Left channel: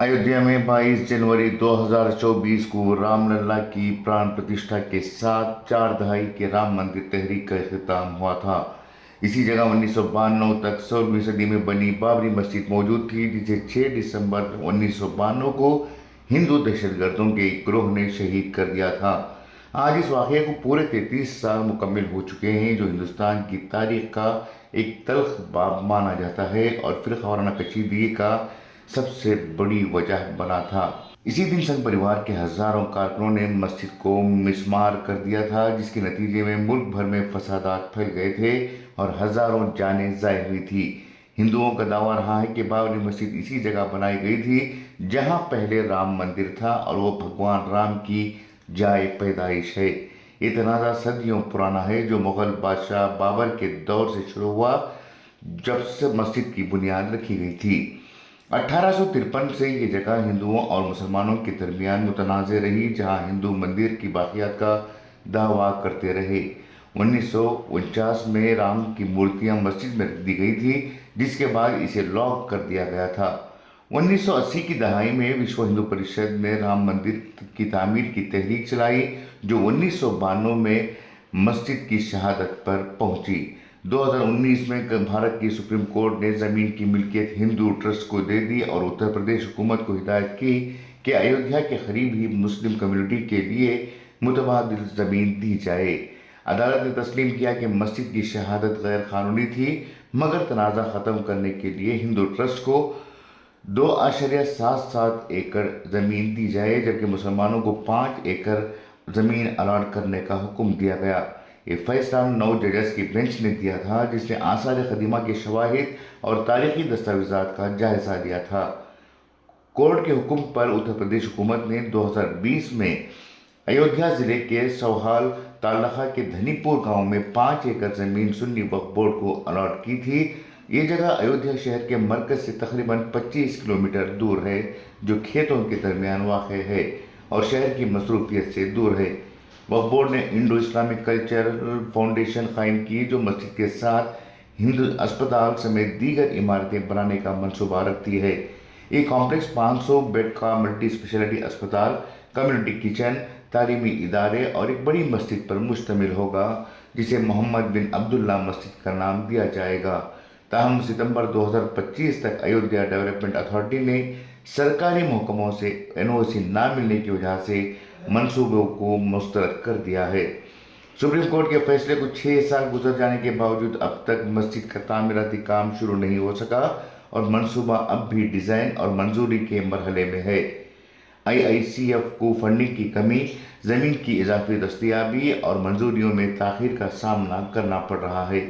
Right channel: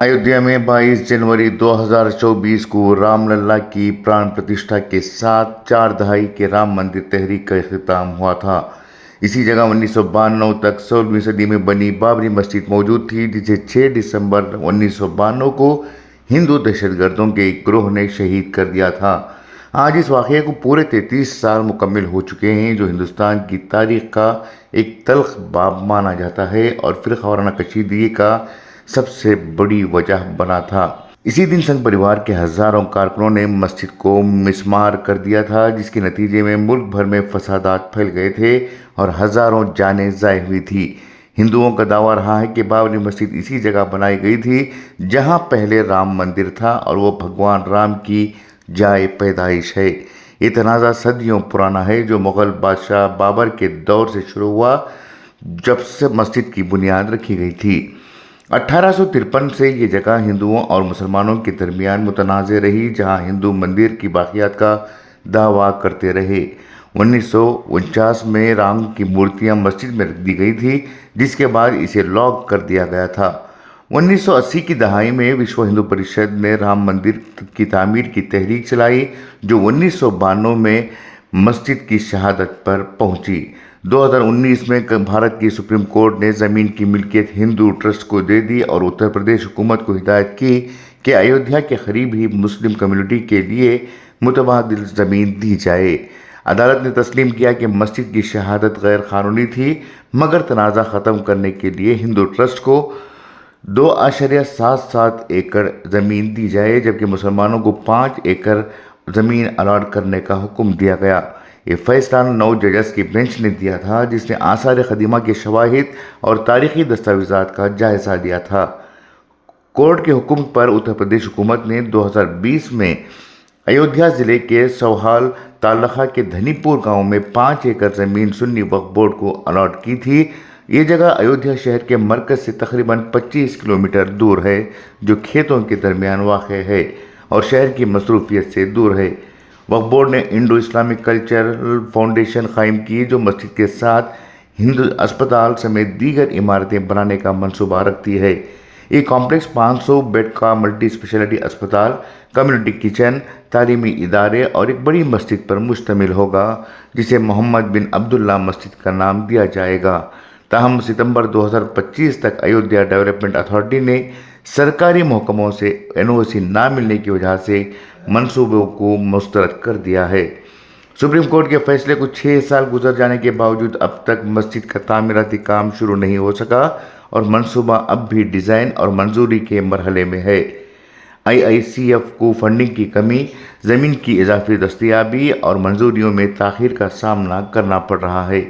अयोध्या में 22 जनवरी 2024 को रामलला की प्राण प्रतिष्ठा के साथ 4 दहाई के राम मंदिर तहरीक का इख्तिताम हुआ था। इसी जगह 1992 तक 16वीं सदी में बनी बाबरी मस्जिद मौजूद थी, जिसे 6 दिसंबर 1992 को हिंदू दहशतगर्दों के एक ग्रोह ने शहीद कर दिया था। आज इस वाक़े को पूरे 33 साल मुकम्मल हो चुके हैं, जो हिंदुस्तान की तारीख का एक तल्ख बाब माना जाता है और फ़िरक़ा वाराना कशीदगी का सबसे बड़ी वजह बना था। इसी दिन संघ परिवार के हजारों कारकुनों ने मस्जिद को मिसमार कर दिया था, जिसके नतीजे में मुल्क भर में फसादात फैल गए थे और हजारों जानें ज़ाय हुई थी। हिंदुओं का दावा रहा है कि बाबरी मस्जिद इसी जगह बनाई गई थी जहां पहले राम मंदिर था और वो भगवान राम की जाए पैदाइश है। ये तनाज़ा सदियों पुराना है, जो मुग़ल बादशाह बाबर के दौर से शुरू हुआ, जब से मस्जिद की बुनियाद रखी गई थी। 1853 से ये जगह हिंदुओं और मुसलमानों के दरमियान मुतनाज़ रही, जहां हिंदू मंदिर की बाक़ियात का दावा करते रहे। 1949 में राम की मूर्तियां मस्जिद में रख दी गई थी, जिसके बाद इसे लॉक कर दिया गया था। 1980 की दहाई में विश्व हिंदू परिषद ने राम मंदिर की तामीर की तहरीक चलाई, जो 1992 में मस्जिद की शहादत पर पहुंची। 2019 में भारत की सुप्रीम कोर्ट ने ज़मीन की मिल्कियत हिंदू ट्रस्ट को दे दी और उत्तर प्रदेश हुकूमत को हिदायत की कि अयोध्या के करीब ही मुस्लिम कम्युनिटी के लिए मुतबादिल ज़मीन दी जाए। अदालत ने तस्लीम किया कि मस्जिद की शहादत गैर कानूनी थी, मगर तनाज़ा ख़त्म करने के लिए हिंदू ट्रस्ट को 2.77 एकड़ ज़मीन दी जाए, जबकि मुसलमानों को 5 एकड़ ज़मीन अलॉट करने का हुक्म दिया गया। ये फैसला 9 जजेस की बेंच ने दिया था, जिसने आसार क़दीमा के शवाहिद और तारीख़ी दस्तावेज़ात का जायज़ा लिया था। कोर्ट के हुक्म पर उत्तर प्रदेश हुकूमत ने 2020 में अयोध्या ज़िले के सौहाल तालखा के धनीपुर गांव में 5 एकड़ ज़मीन सुन्नी वक्फ बोर्ड को अलॉट की थी। ये जगह अयोध्या शहर के मरकज़ से तकरीबन 25 किलोमीटर दूर है, जो खेतों के दरमियान वाक़ है और शहर की मसरूफियत से दूर है। वक्फ बोर्ड ने इंडो इस्लामिक कल्चरल फाउंडेशन कायम की, जो मस्जिद के साथ हिंदू अस्पताल समेत दीगर इमारतें बनाने का मंसूबा रखती है। ये कॉम्प्लेक्स 500 बेड का मल्टी स्पेशलिटी अस्पताल, कम्युनिटी किचन, तालीमी इदारे और एक बड़ी मस्जिद पर मुश्तमिल होगा, जिसे मोहम्मद बिन अब्दुल्ला मस्जिद का नाम दिया जाएगा। ताहम सितंबर 2025 तक अयोध्या डेवलपमेंट अथॉरिटी ने सरकारी महकमों से NOC ना मिलने की वजह से मंसूबों को मुस्तरद कर दिया है। सुप्रीम कोर्ट के फैसले को 6 साल गुजर जाने के बावजूद अब तक मस्जिद का तामीराती काम शुरू नहीं हो सका और मंसूबा अब भी डिज़ाइन और मंजूरी के मरहले में है। IICF को फंडिंग की कमी, ज़मीन की इजाफी दस्तयाबी और मंजूरियों में ताख़ीर का सामना करना पड़ रहा है।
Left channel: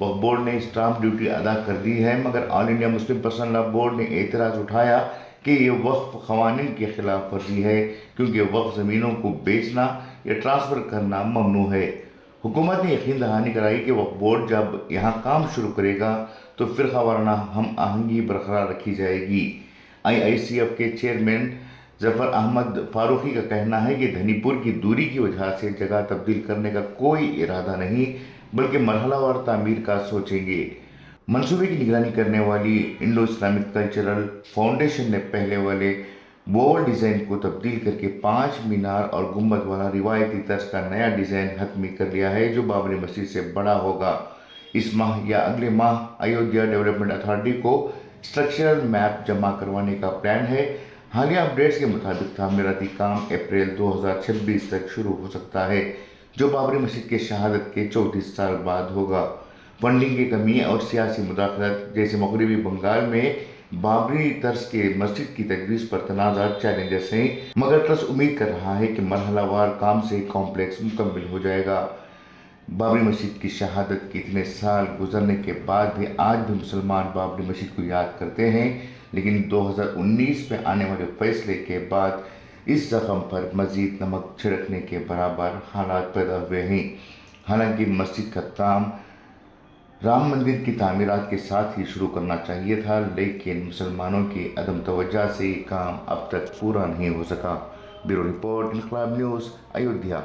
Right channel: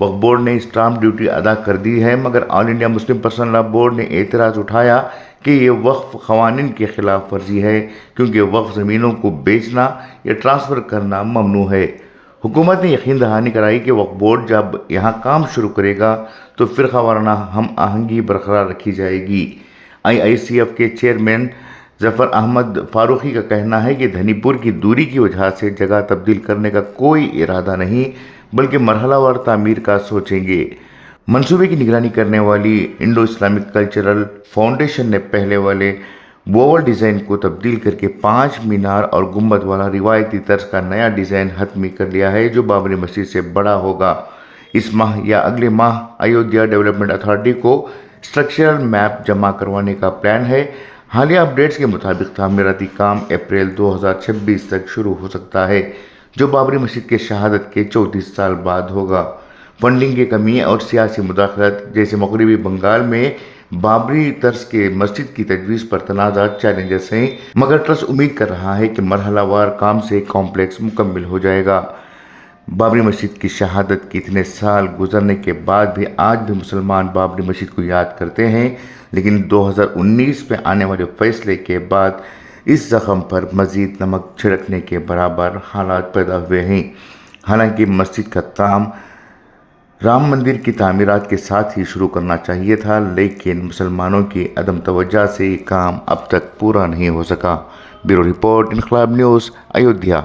वक्फ बोर्ड ने स्टाम्प ड्यूटी अदा कर दी है, मगर all India Muslim personal law board ने एतराज़ उठाया कि ये वक्फ क़वानीन के ख़िलाफ़ वर्जी है, क्योंकि वक्फ ज़मीनों को बेचना या ट्रांसफ़र करना ममनू है। हुकूमत ने यकीन दहानी कराई कि वक्फ बोर्ड जब यहाँ काम शुरू करेगा तो फ़िरक़ा वाराना हम आहंगी बरकरार रखी जाएगी। IICF के चेयरमैन ज़फ़र अहमद फ़ारूक़ी का कहना है कि धनीपुर की दूरी की वजह से जगह तब्दील करने का कोई इरादा नहीं, बल्कि मरहलावार तामीर का सोचेंगे। मंसूबे की निगरानी करने वाली इंडो इस्लामिक कल्चरल फाउंडेशन ने पहले वाले वोवल डिज़ाइन को तब्दील करके 5 मीनार और गुंबद वाला रिवायती तर्ज का नया डिज़ाइन हतमी कर लिया है, जो बाबरी मस्जिद से बड़ा होगा। इस माह या अगले माह अयोध्या डेवलपमेंट अथॉरिटी को स्ट्रक्चरल मैप जमा करवाने का प्लान है। हालिया अपडेट्स के मुताबिक तामीराती काम अप्रैल 2026 तक शुरू हो सकता है, जो बाबरी मस्जिद के शहादत के 34 साल बाद होगा। फंडिंग की कमी और सियासी मुदाखलत जैसे मगरबी बंगाल में बाबरी तर्ज के मस्जिद की तजवीज़ पर तनाज़ा चैलेंजेस हैं, मगर ट्रस्ट उम्मीद कर रहा है कि मरहलावार काम से कॉम्प्लेक्स मुकम्मल हो जाएगा। बाबरी मस्जिद की शहादत के इतने साल गुजरने के बाद भी आज भी मुसलमान बाबरी मस्जिद को याद करते हैं, लेकिन 2019 में आने वाले फैसले के बाद इस ज़ख़म पर मज़ीद नमक छिड़कने के बराबर हालात पैदा हुए हैं। हालांकि मस्जिद का काम राम मंदिर की तामीरात के साथ ही शुरू करना चाहिए था, लेकिन मुसलमानों की अदम तवज्जो से ये काम अब तक पूरा नहीं हो सका। ब्यूरो रिपोर्ट, इनकलाब न्यूज़, अयोध्या।